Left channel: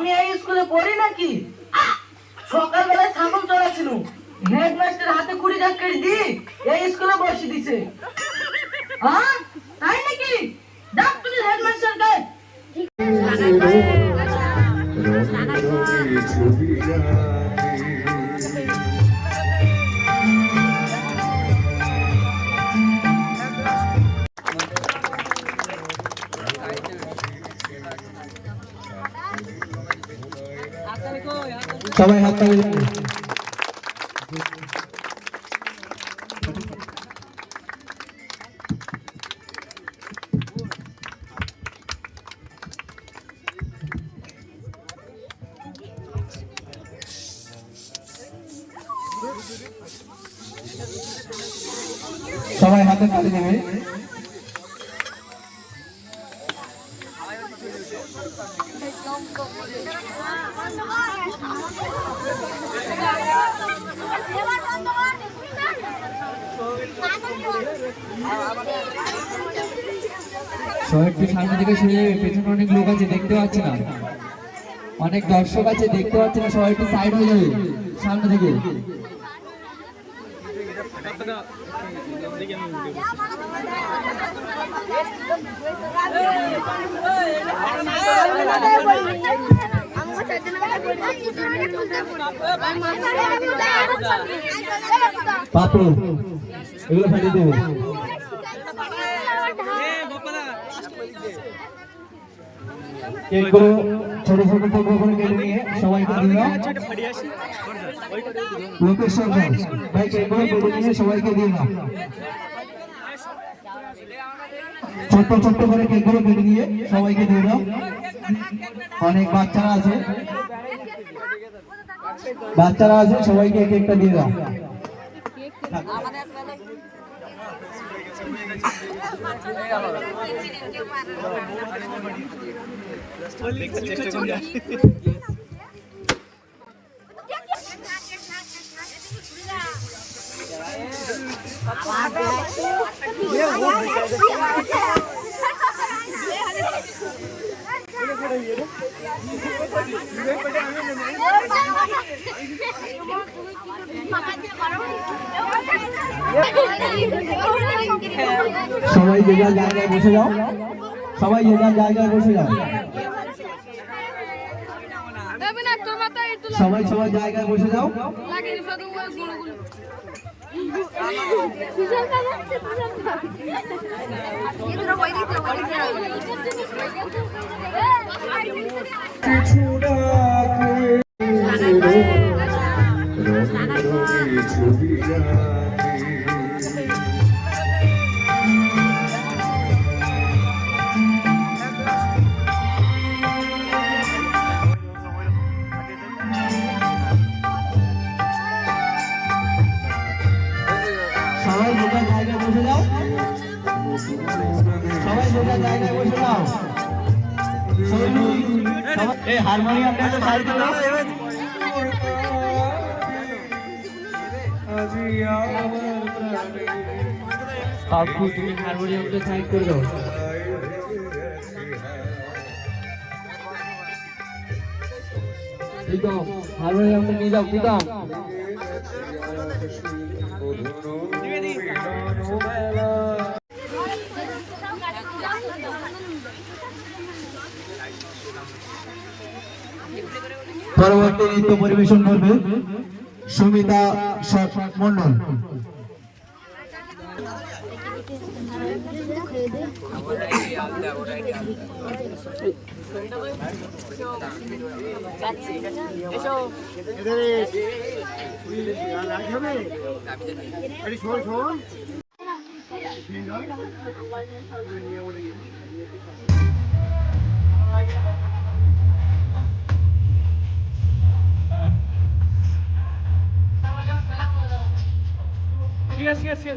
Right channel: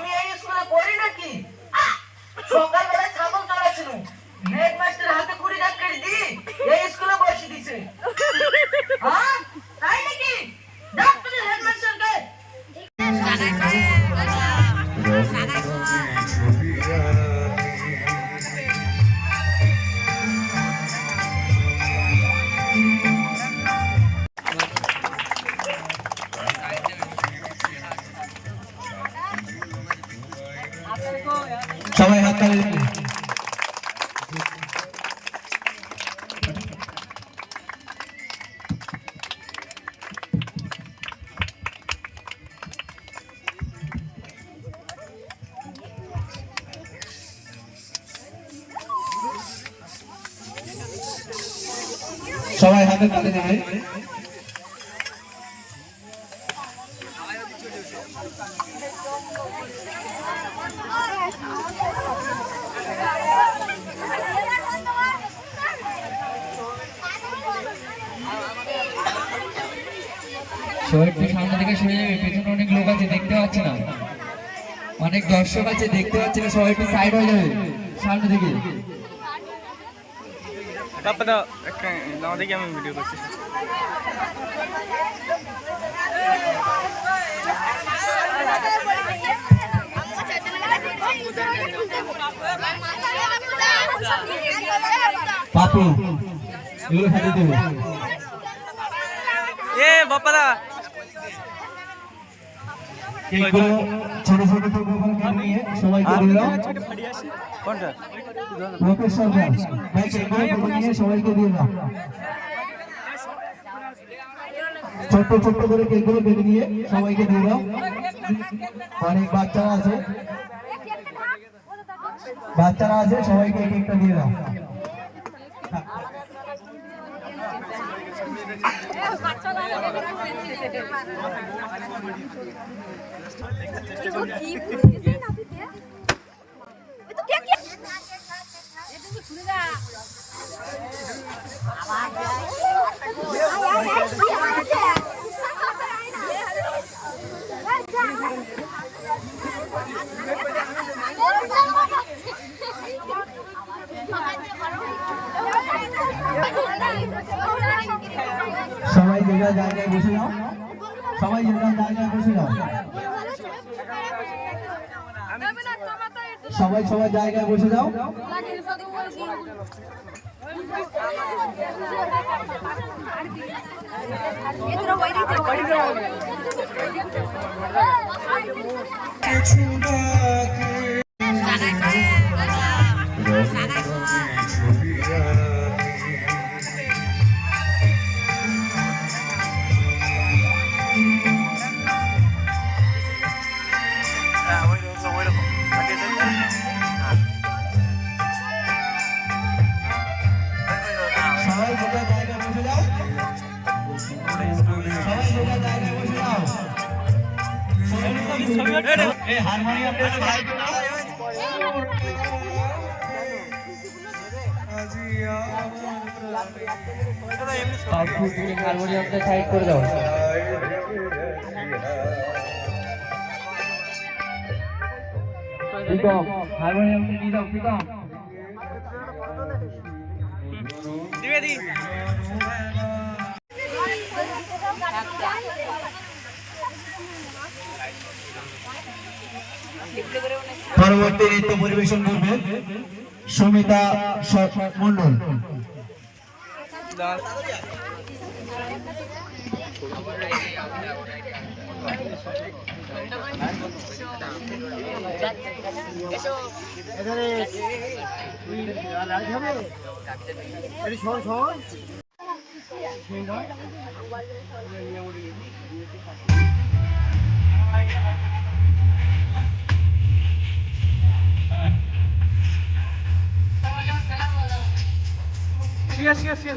আমি এই স্কুলে পড়ি নাকি? সকালবেলায় ছাগল চড়াছিল, হেডমাস্টার হাতে কুড়ি টাকা দি এই স্কুলে বসে দিছে। হ্যাঁ তাই নাকি? ডাক তুমি হেডমাস্টারকে। সবাই হাত তালি দিন। সবাই হাতে তালি দেবে। সবাই একটু সামনে থেকে সরে যাবে, পেছনে অনেক লোক আছে দেখতে পাচ্ছি না, অনেক দর্শক আছে দেখতে পাচ্ছি না, সবাই একটু সাইড হয়ে যাবে সামনে থেকে। আমি ভিডিও করছি। পাপু এগুলো খালি দেবো। বাপারা কেকগুলো ছোট ছোট টুকরো করে কেটে নিয়ে সবাইকে দিও। লোকের সামনে ভাই কেকগুলো কেটে নিয়ে সবাইকে দিয়ে দাও। ছোট ছোট করে কেকগুলো কেটে নিয়ে সবাইকে দিয়ে দাও। অনেক বাচ্চারা আছে, বাচ্চারা আছে, সবাইকে কেকটা দিয়ে দাও। সবাই যে যার জায়গায় বসে যাও, সবাই যে যার জায়গায় বসে যাও, সবাই সবার জায়গায় বসে যাও। সবাই যে যার জায়গায় বসে যাও, সবাই যে যার জায়গায় বসে যাও। এই হারমোনিয়ামটা তো সাইড করে দাও। আপু তুমি হারমোনিয়ামটা সাইড করে দাও। প্রীতম হারমোনিয়ামটা নিয়ে যাও। প্রীতম পরবর্তী নৃত্য পরিবেশন করবে সুমিতা মন্ডল। Yes.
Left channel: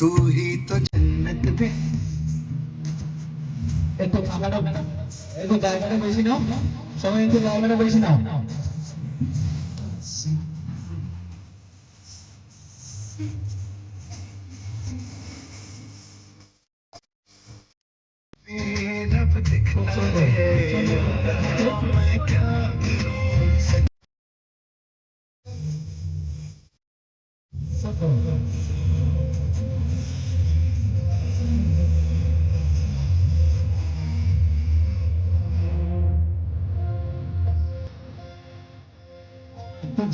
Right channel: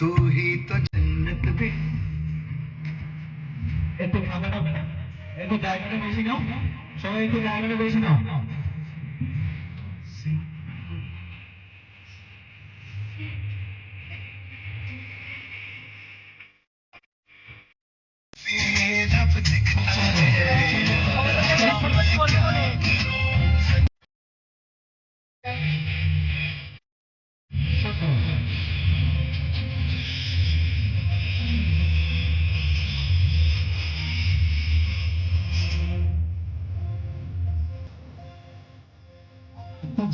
तू ही तो जन्नत में একটু খাবারটা একটু জায়গাটা বেশি নাও সবাই একটু জায়গাটা বেশি নাও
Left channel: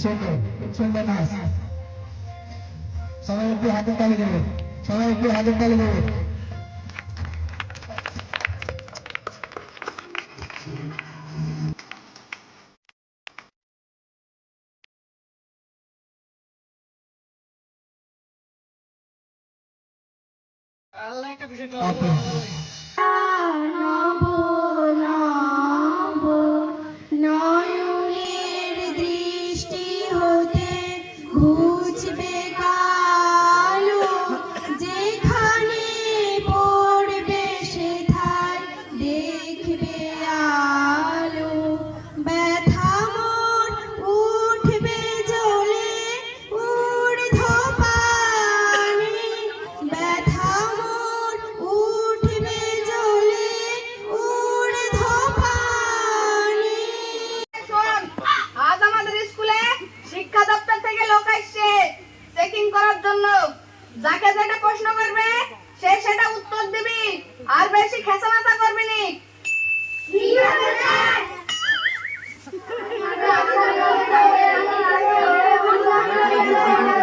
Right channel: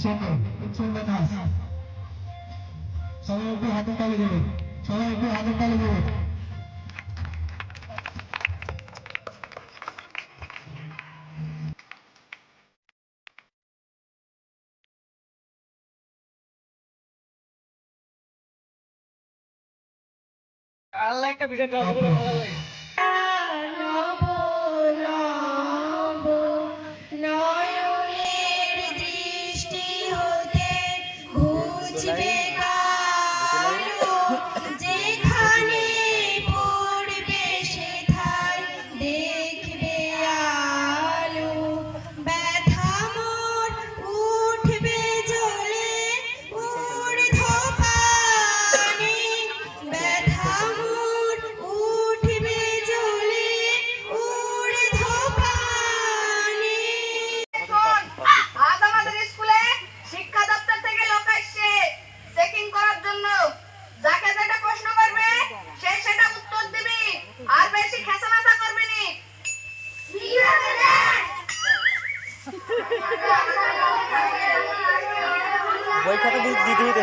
সুন্দর সুন্দর নাচ সবাই একটু হাতের তালি দেবে সবাই একটু হাতের তালি দেবে আল্লাহ একটা ভিডিও নয়নের দৃষ্টি হতে ঘুচবে কালো, যেখানে পড়বে সেথায় দেখবে আলো। ব্যথা মোর উঠবে জ্বলে ঊর্ধ্বপানে, ব্যথা মোর উঠবে জ্বলে ঊর্ধ্বপানে। আজ আমাদের স্কুলে শিক্ষা দপ্তর থেকে লোক আসছে চেকিং করার জন্য। যাকে যেটা প্রশ্ন করবে সে সেটা উত্তর দিবি, আর বেশি খেসামাতা করবি নি। বই খাতা দিতে হতো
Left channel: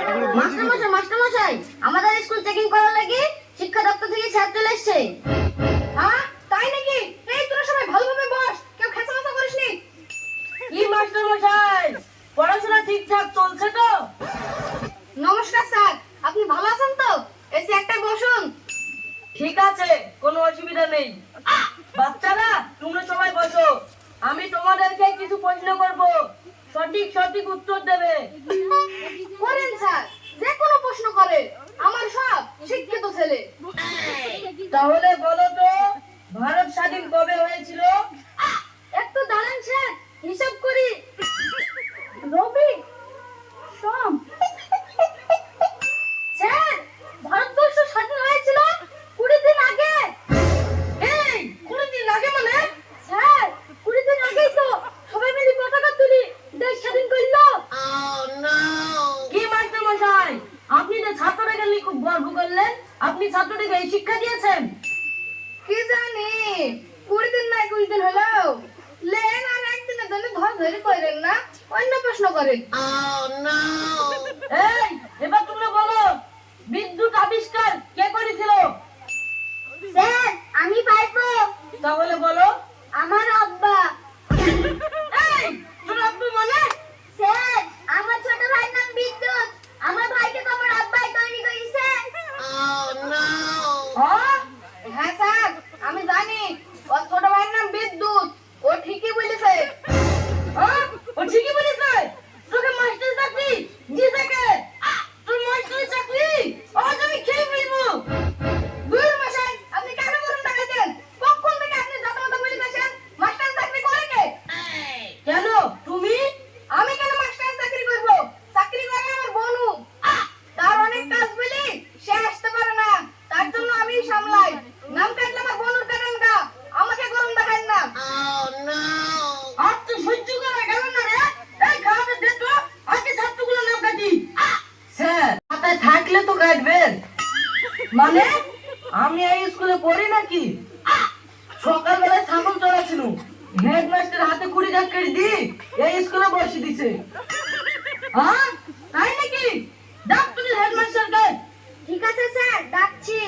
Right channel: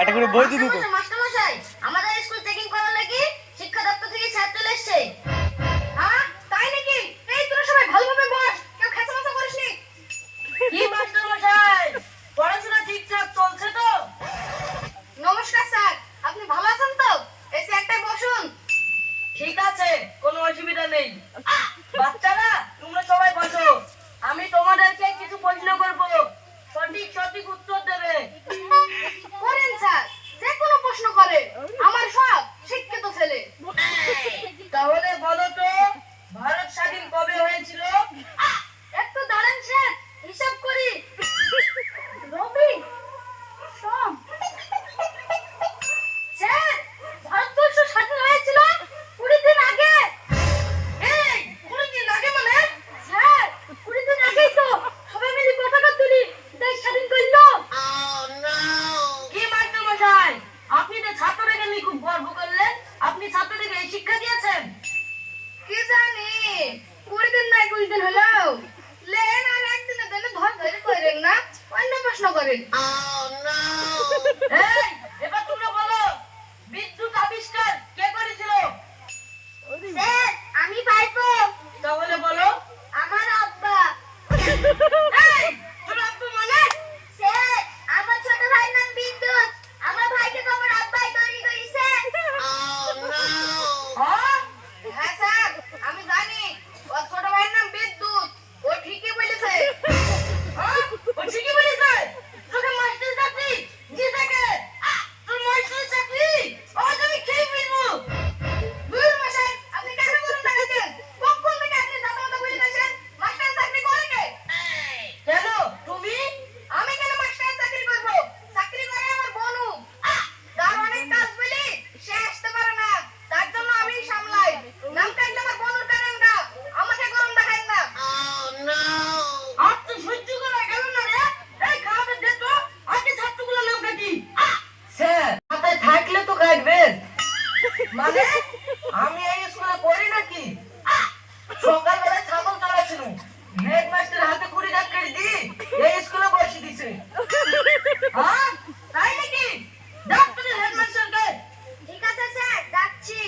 একটা করে বই দিতে হতো মাস্টারমশাই, আমাদের স্কুল চেকিং করার লাগি শিক্ষা দপ্তর থেকে স্যার চলে এসছে। হ্যাঁ, তাই নাকি? এই তোরা সবাই ভালোভাবে বস, কেউ খেসামাতা করিস নি। কি মাস্টার মশাই, পড়াশোনা ঠিকঠাক চলছে তো? নমস্কার স্যার, আপনি ভালো আছেন তো? এই চেয়ারটায় বসুন। ঠিক আছে, কোনো অসুবিধা নেই। বাচ্চারা তোমরা সবাই বসো, আমি তোমাদেরকে কিছু প্রশ্ন করব, সঠিক সঠিক উত্তর দেবে। করেন স্যার, যে কোনো প্রশ্ন করে, আমার সব শিক্ষিত ছেলে। তাহলে বলো তো, ভারত স্বাধীন কবে হয়েছিল? একটু দাঁড়ান স্যার, হিসাব করি। রবি, সোম। স্যার, ভারতবর্ষ স্বাধীন হয়েছিল 20 দিন আগে। এই 20 দিন আগে মানে? স্যার, 20 দিন আগেই তো সবাই মিলে পতাকা তুলি দেশ স্বাধীন করলো। কি মাস্টার মশাই, আপনি যে ছাত্রদেরকে নিয়ে খুব গর্ব করলেন, আপনি ছাত্রদেরকে এই শিক্ষা দিয়েছেন? কি জানি, 20 দিন নাই 20 দিন হলো। লেন আর একদিনের জন্য ধরে করেন না, অন্য প্রশ্ন করেন। এই এবার তোমরা বলো, বিদ্যুৎ আবিষ্কার কে করেছিল? স্যার, আমি পাইবো। তাহলে বলো। আমার আব্বা। এই তোর আব্বু মানে? স্যার, আমার ছোট ভাইয়ের নাম বিদ্যুৎ। আমার ভাইকে তো আমার আব্বাই তৈরি করেছে। হ্যাঁ? হ্যাঁ স্যার, আমি জানি ওর ছোট ভাইয়ের নাম বিদ্যুৎ। ও ঠিকই বলেছে। হ্যাঁ? ও ঠিকই বলেছে। তোকে মাস্টার চাকরি দিয়েছে কে? তোর মাস্টার চাকরি আজ আমি খেয়ে ফেলবো। দূর মশাই, আপনি কেন করে দেখাচ্ছেন? কখন থেকে আপনি দাদা বলেছেন মাস্টার চাকরি করে কে? কেন তুমি? আমি কেন মাস্টার চাকরি করব? চাকরি করে আমার বনু। তার অনেক কাজ বলি সে আসতে পারে না, তার জন্য আমি সামলাই। নাম কাটলে আমার বনুর কারণটা, আমাকে গরম দেখাই না। আর তো সহ্য করা গেল না রে। এই খারাপের দে তো, আজকে ছাত্রগুলো নাম কাটি। স্যার, মাথায় থাকলে তো কাটবেন। মানে আমি এই স্কুলে পড়ি নাকি? সকালবেলায় ছাগল চড়াছিল, হেডমাস্টার হাতে কুড়ি ধাক্কা দিয়ে এই স্কুলে বসে দিছে। হ্যাঁ, তাই নাকি? ডাক তুমি হেডমাস্টারকে। ঠিক আছে স্যার, ডাকছি।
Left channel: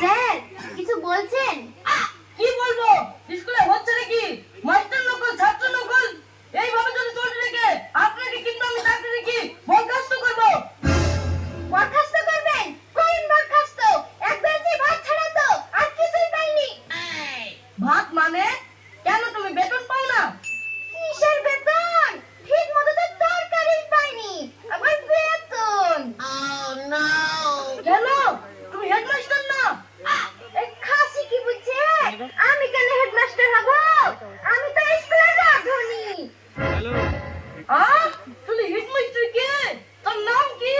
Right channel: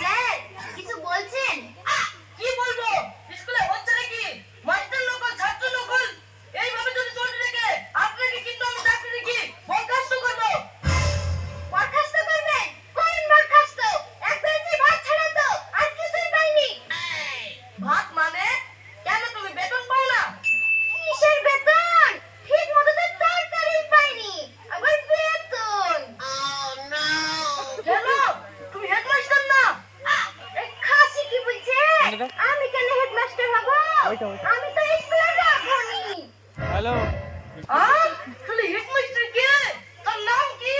স্যার, কিছু বলছেন? কি বলবো? স্কুলে হচ্ছে নাকি মাস্টার নকল ছাত্র নকল? এইভাবে যদি চলতে থাকে আপনাকে কিন্তু আমি চাকরি রেখে বরখাস্ত করবো। বরখাস্ত করবেন? কোন বরখাস্ত? এক বেঞ্চি ভাত ছাড়া তো আর কিছুই পাইনি। ভাত মানে? কেন তুমি বেতন পাও না? কিসের বেতন? ঠিক মতো তো তরকারি পাইনি, আবার বেতন। কেন? তুমি হেডমাস্টার না? এই খাসি কি বলছে? আমি কেন হেডমাস্টার হব? আমি তো স্কুলে রাখুনি। হ্যালো আহ, তুমি হেডমাস্টার কে? তোর নাম কি?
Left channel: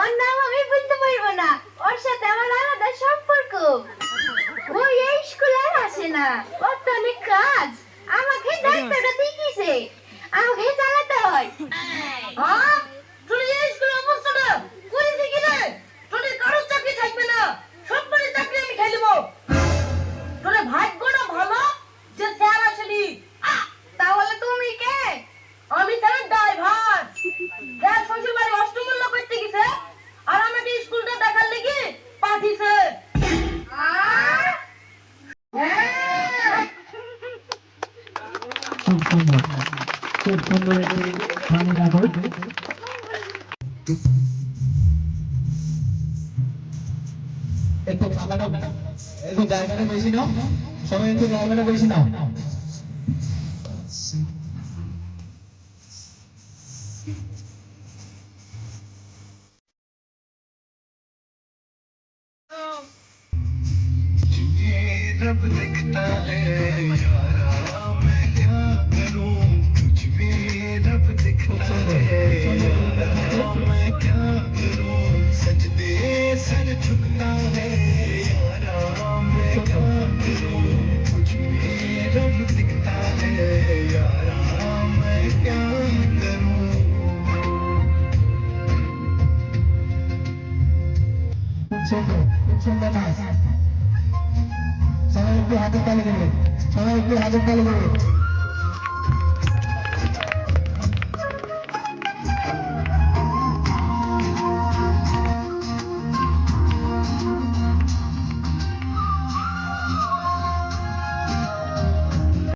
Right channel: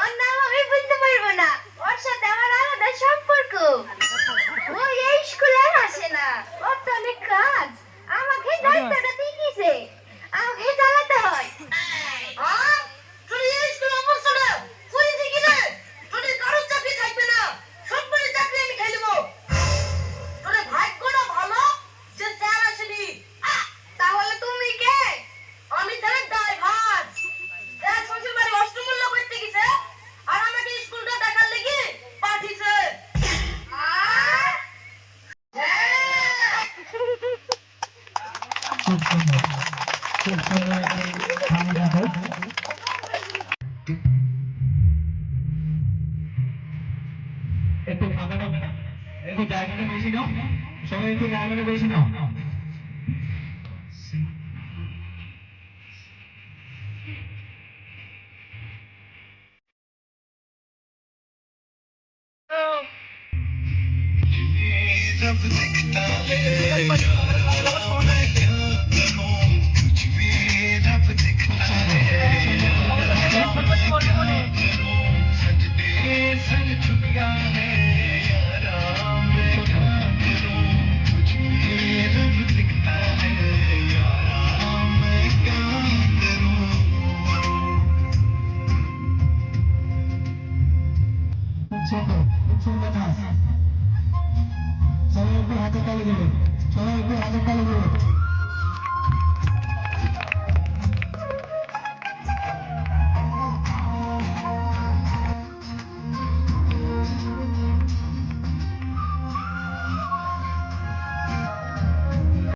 ওর নাম আমি বলতে পারবো না, ওর সাথে আমার আলাদা সম্পর্ক। ও এই স্কুলে আর আসে না, ওর তো অনেক কাজ। আমাকে দায়িত্বটা দিয়ে দিয়েছে, আমাকে চালাতে হয়। আহ, তুমি এই স্কুলে অবস্থা না? পুলিশে গেলে যদি কারোর চাকরি থাকবে না, সব পরে চাকরি খুব সুন্দর, খুব সুন্দর একটি হানি ঠাকুর। একটু ফাঁকাটা, একটু জায়গাটা বেশি নাও, সবাই একটু জায়গাটা বেশি নাও। रब दिखता है यारा मैं क्या करूं कुछ भी रब दिखता है यारा मैं क्या करूं सजदे सर झुकता है यारा मैं क्या करूं कुछ भी रब दिखता है यारा मैं क्या करूं সুন্দর, খুব সুন্দর নাচ। সবাই একটু হাতের তালি দেবে, সবাই একটু হাতের তালি দেবে।